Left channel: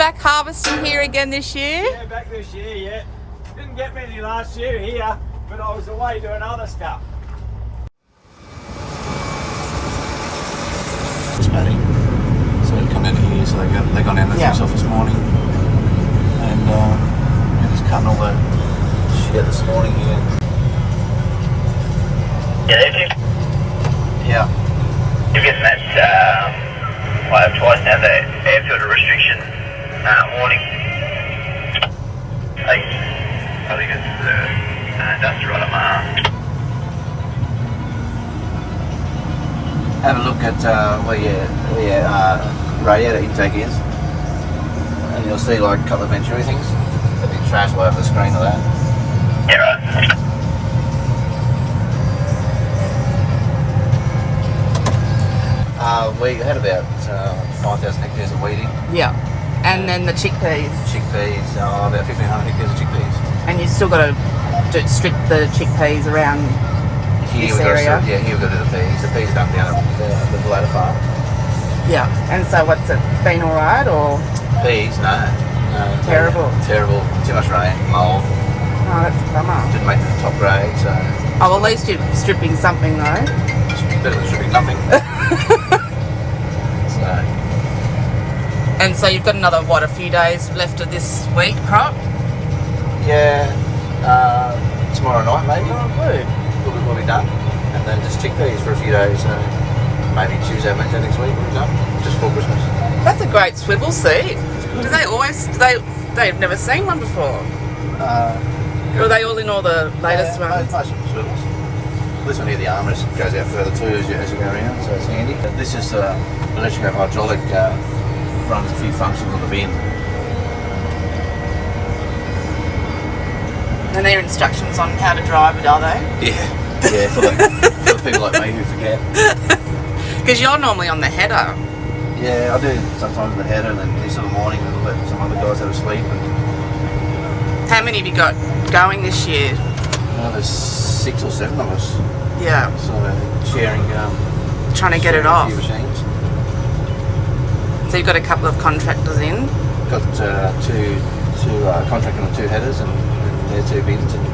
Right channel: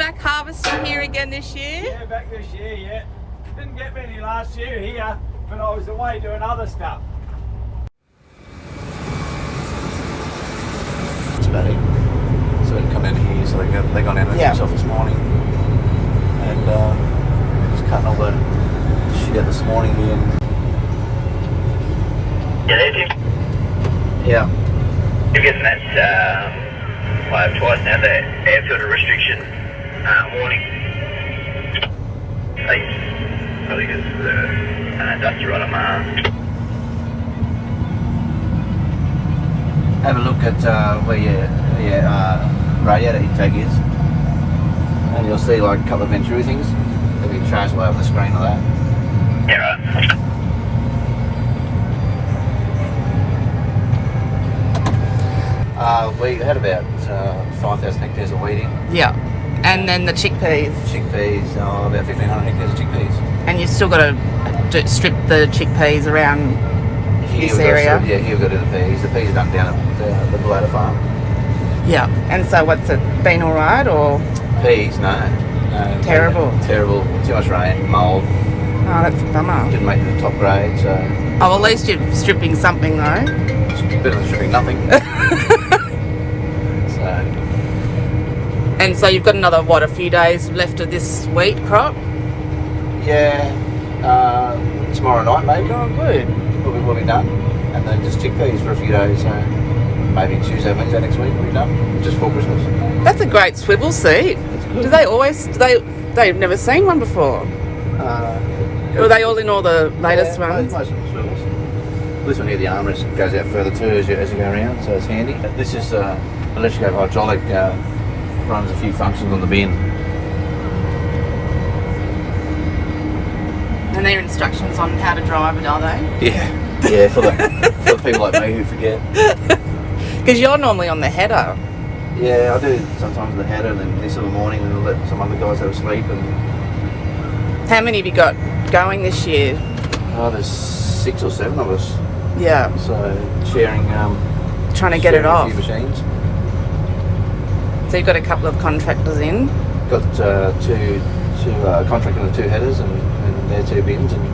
back harvesting here again this year? Yeah, back this year, yeah. Didn't get many last year here, but I was away doing other stuff. It's Paddy. So they come out of here, so they gone out themselves this morning. And just cutting all the shit out this morning here. Yeah. You get that I have twice now the air filter restriction warning. I think it's dust right on my arm. Have a look at where your radiator intake is. And you'll see like a couple of Venturi things. They've been trashed all over the screen of that. Yeah, right. We had about 5,000 hectares of wheating. Yeah. And then the chickpeas. Chickpeas, about 1,500 hectares of chickpeas. And you've still got to strip the chickpeas around this area. Here we've got to do the peas. The peas are done down at the Ballata farm. Yeah. And so what's it been alright or? Peas, no. Terrible. Too much rain, mould. Oh, that's a bummer. Didn't make the top grade, so. Oh, at least you're stripping something though. Better than stripping nothing. And so you've got another, a few days left of this wheat crop? Yeah, tomorrow night maybe. We'll be done. And then just chickpeas for a few days, so maybe Tuesday, Wednesday next week we'll be done. Just for Christmas. That's a great swivel seat. They've never seen one before? Are they all in all the latest ones? Most of them swivels. This one here, the armrest goes out further too as you go around, so it's handy. This is electric hydraulic, runs a few functions on the bin. And their instructions on how to drive it, are they? Yeah, for the people like me who forget. Because you're normally on the header. Yeah, I do sometimes the header and then this in the morning and let some other guys have a sleep. And how many have you got going this year? well, there's 6 or 7 of us. Yeah. So sharing. Trying to get it off. A few machines. So you've got a couple of contractors in? Got two contracting the 2 headers and their 2 bins and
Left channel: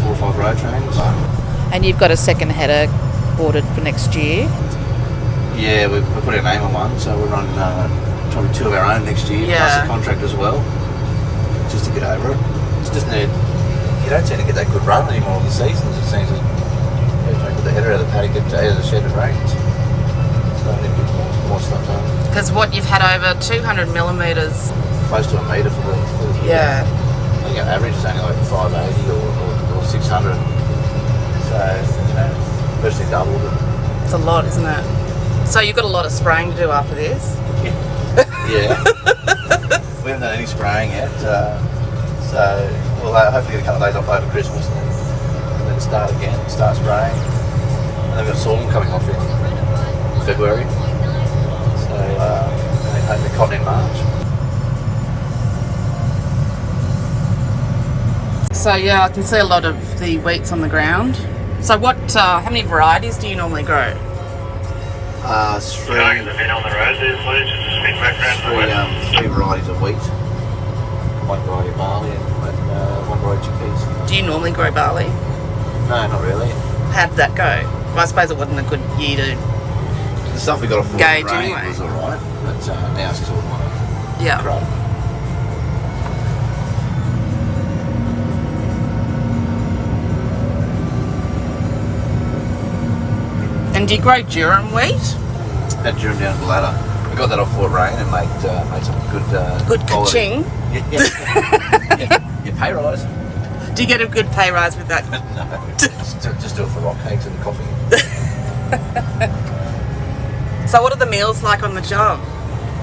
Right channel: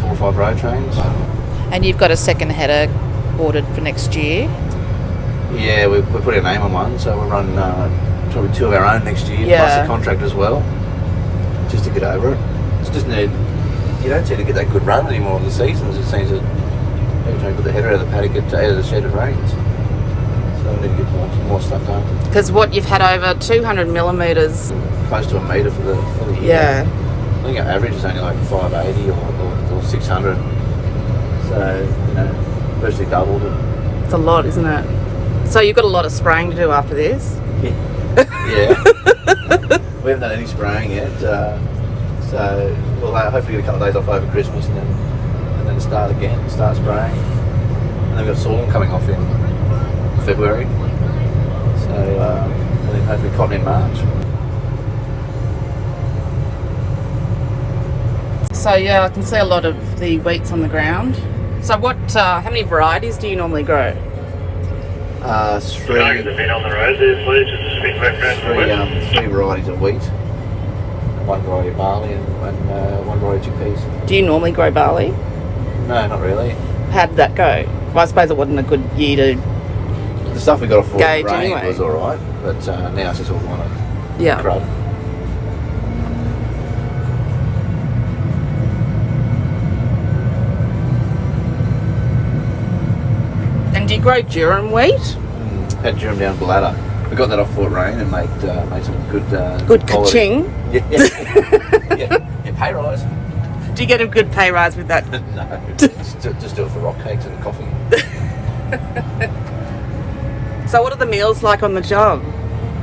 4 or 5 road trains. And you've got a second header ordered for next year? Yeah, we put our name on one, so we'll run probably 2 of our own next year, plus a contract as well, just to get over it. It's just you don't tend to get that good run anymore in the seasons. It seems that every time you put the header out of the paddock, out of the shed, it rains. So I need to get more stuff done. Because what you've had over 200 millimetres. Close to a metre for the year. Yeah. I think our average is only like 580 or 600. So, virtually doubled it. It's a lot, isn't it? So you've got a lot of spraying to do after this? Yeah. We haven't done any spraying yet. So we'll hopefully get a couple of days off over Christmas and then start spraying. And then we've got sorghum coming off in February. So and then hopefully cotton in March. So yeah, I can see a lot of the wheats on the ground. So how many varieties do you normally grow? 3 Can I get the bin on the road there, please? Just to spin back around to the west. 3 varieties of wheat. 1 variety of barley and 1 variety of chickpeas. Do you normally grow barley? No, not really. How did that go? Well, I suppose it wasn't a good year to The stuff we got off gauge rain anyway. was alright, but now it's just all like crud. And do you grow durum wheat? Had durum down the ladder. We got that off Fort Rain and made some good quality. Ka-ching. Yeah, pay rise. Do you get a good pay rise with that? No, just do it for rock cakes and coffee. So what are the meals like on the job?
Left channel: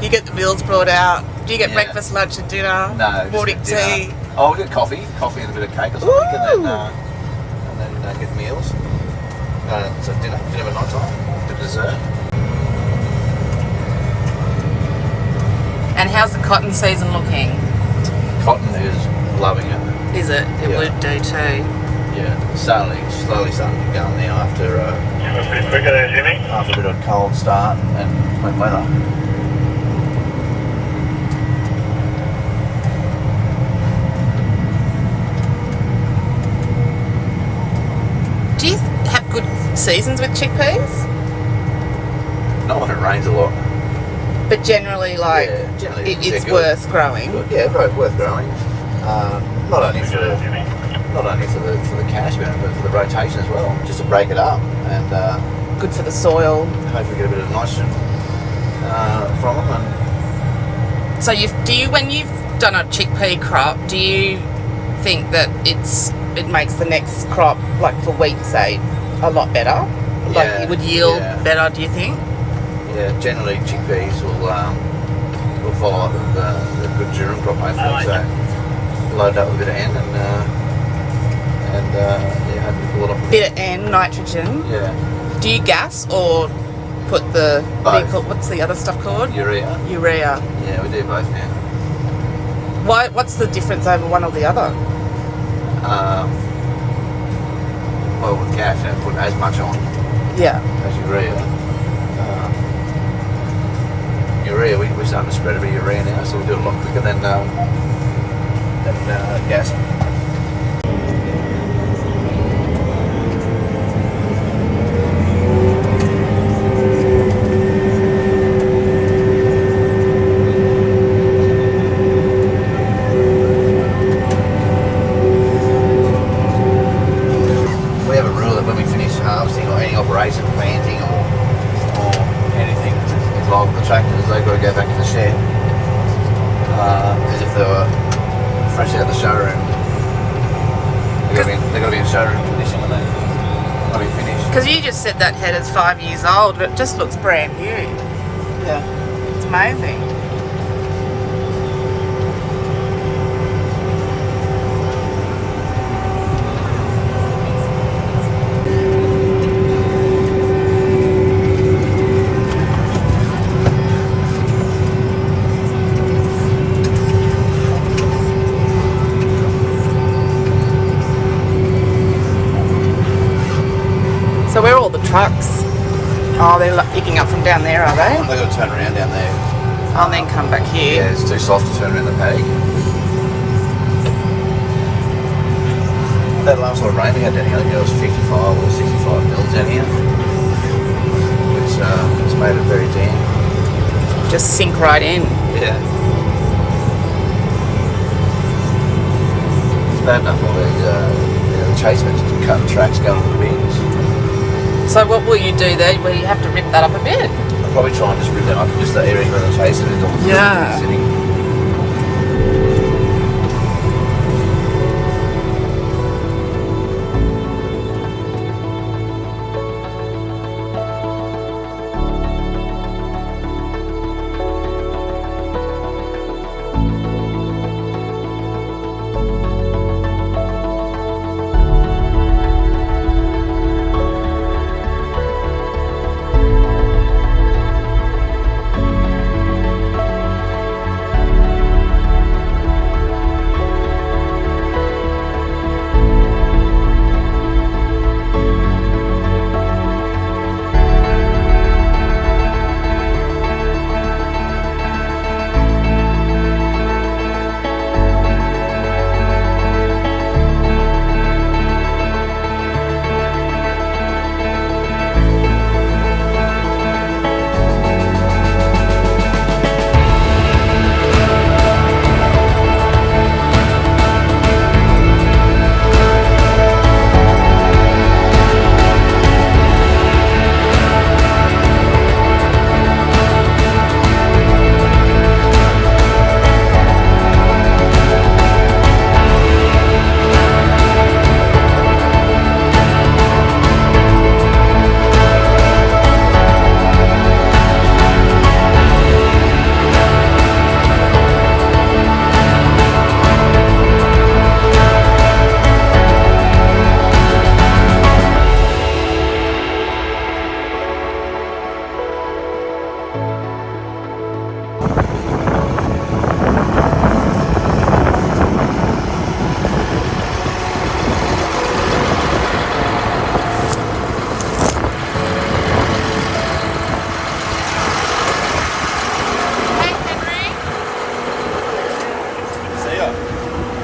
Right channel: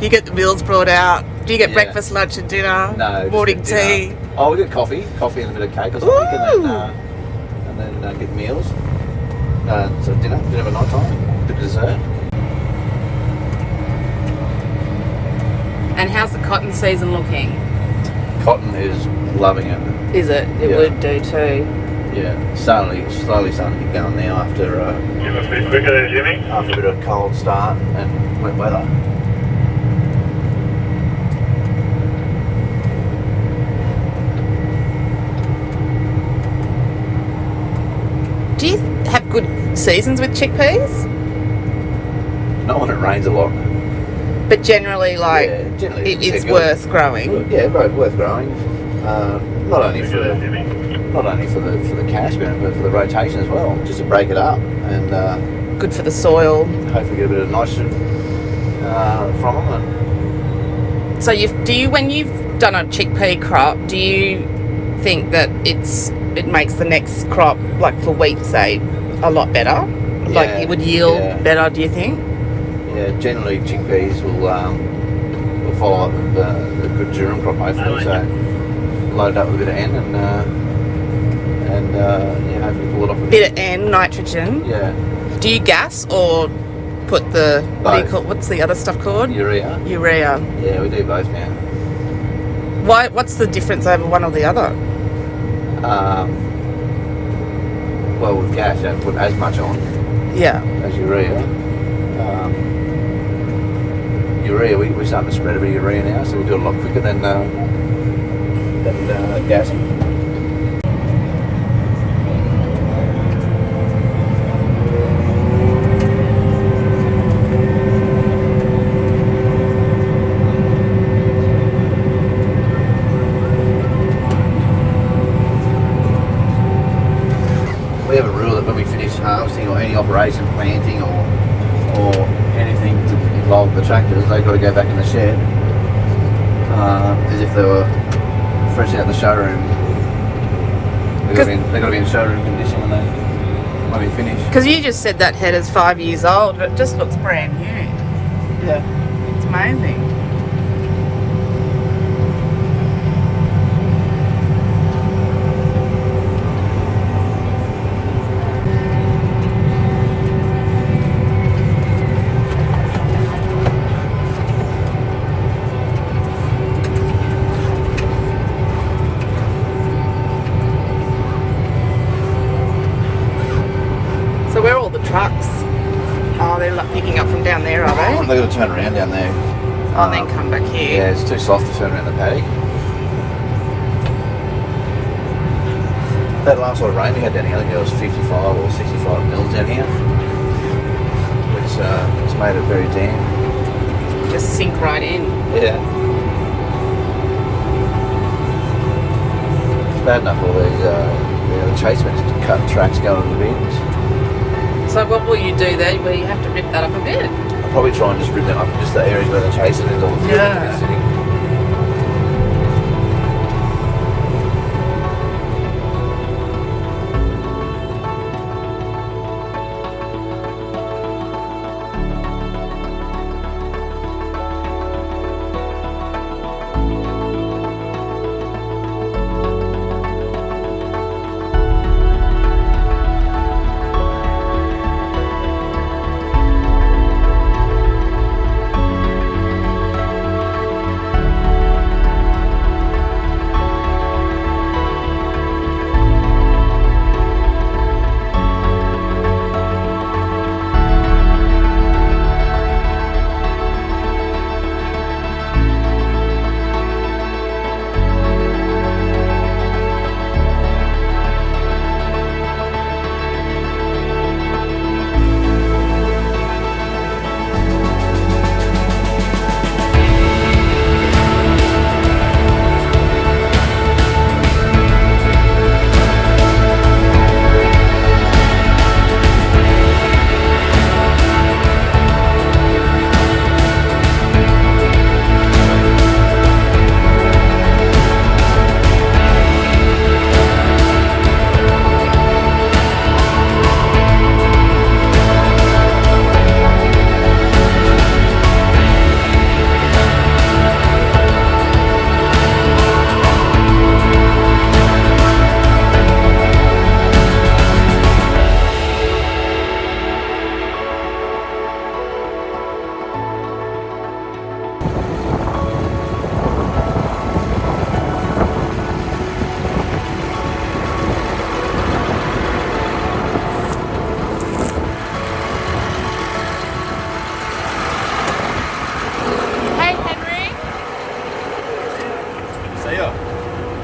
You get the meals brought out. Do you get breakfast, lunch and dinner? No, morning just get tea. dinner. Oh, we get coffee and a bit of cake or something, and then get meals. So dinner at night time, the dessert. And how's the cotton season looking? Cotton is loving it. Is it? It would do too. Yeah, slowly starting to get going now after Just a bit quicker there, Jimmy. after a bit of cold start and wet weather. seasons with chickpeas? Not when it rains a lot. But generally, like, Yeah, generally it's they're good. worth growing. Yeah, worth growing. Not only for the cash, but for the rotation as well, just to break it up and Good for the soil. hopefully get a bit of nitrogen from them. So when you've done a chickpea crop, do you think that it makes the next crop, like for wheat, say, a lot better? Like it would yield better, do you think? Yeah, generally chickpeas will follow the good durum crop mostly. So load up with a bit of N and hopefully pull it off. Bit of N, nitrogen. Yeah. Do you gas or put the Both. what's the other stuff called? Urea. Urea. Yeah, we do both now. Why? What's the difference over one or the other? Well, with gas, you don't put as much on Yeah. as urea. Urea, we're starting to spread a bit of urea now, so we do it a lot quicker than gas. We have a rule that when we finish harvesting or any operation, planting or anything involved with the tractors, they've got to go back in the shed as if they were fresh out of the showroom. They've got to be in showroom condition when they finish. Because you just said that head is 5 years old, but it just looks brand new. Yeah. It's amazing. So where are all the trucks? Oh, they're picking up from down there, are they? They've got to turn around down there. I'll then come back here. Yeah, it's too soft to turn around the paddock. That last lot of rain we had down here, I think it was 55 or 65 mils down here. It's made it very damp. Just sink right in. Yeah. It's bad enough all these the chasemen just cutting tracks going to the bins. So what will you do there? Will you have to rip that up a bit? I'll probably try and just rip them up just the areas where the chasing is on. Yeah.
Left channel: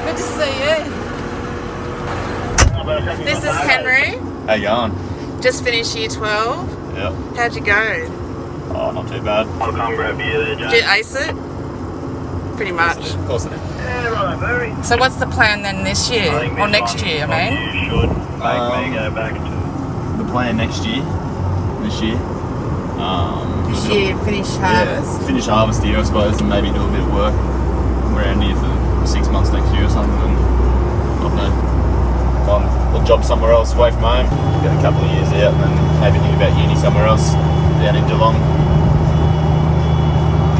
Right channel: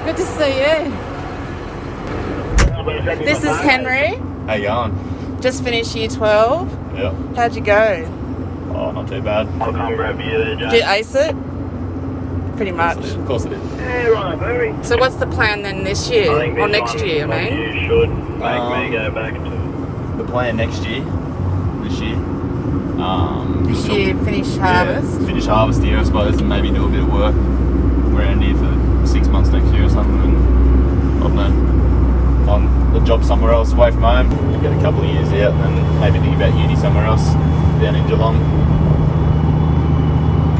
Good to see you. This is Henry. How you going? Just finished year 12. Yeah. How'd you go? Oh, not too bad. Did you ace it? Pretty much. Of course it is. So what's the plan then this year? Or next year, I mean? You should make me go back to. The plan next year, this year. This year, finish harvest. Finish harvest here, I suppose, and maybe do a bit of work around here for 6 months next year or something. And I don't know, find a job somewhere else away from home. Get a couple of years out, and then maybe think about uni somewhere else down in Geelong.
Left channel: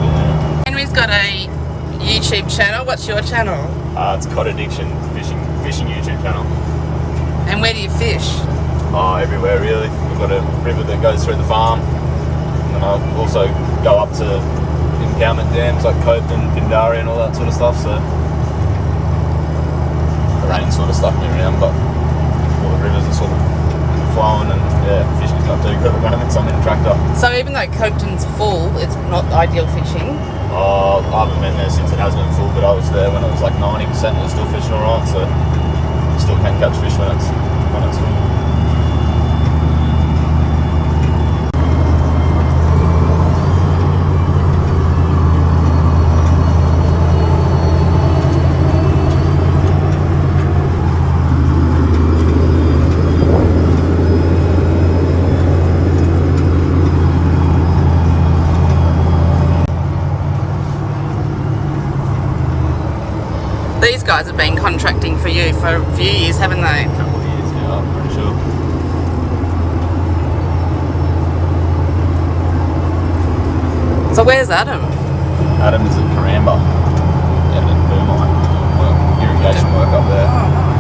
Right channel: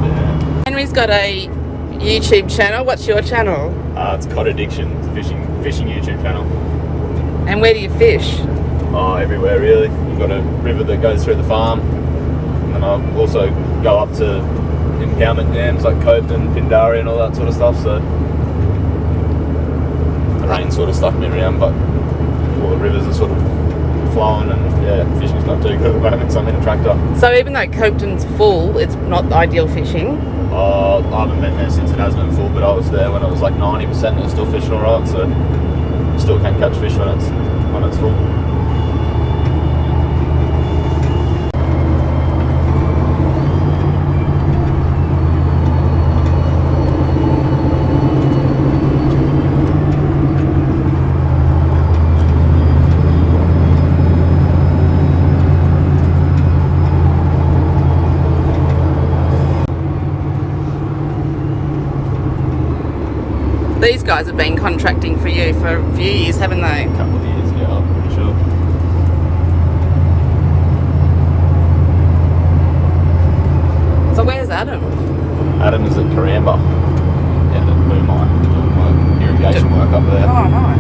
Yeah. Henry's got a YouTube channel. What's your channel? It's Cod Addiction fishing YouTube channel. And where do you fish? Oh, everywhere really. We've got a river that goes through the farm, and I also go up to impoundment dams like Copeland, Pindari and all that sort of stuff, so the rain sort of stuck me around, but all the rivers are sort of flowing, and yeah, fishing's not too good at the moment, so I'm in a tractor. So even though Copeland's full, it's not ideal fishing? Oh, I haven't been there since it has been full, but I was there when it was like 90% and it's still fishing alright, so you still can catch fish when it's full. These guys have been contracting for you for a few years, haven't they? A couple of years, yeah, I'm pretty sure. So where's Adam? Adam is at Karamba, and at Moonlight, irrigation work up there. Oh,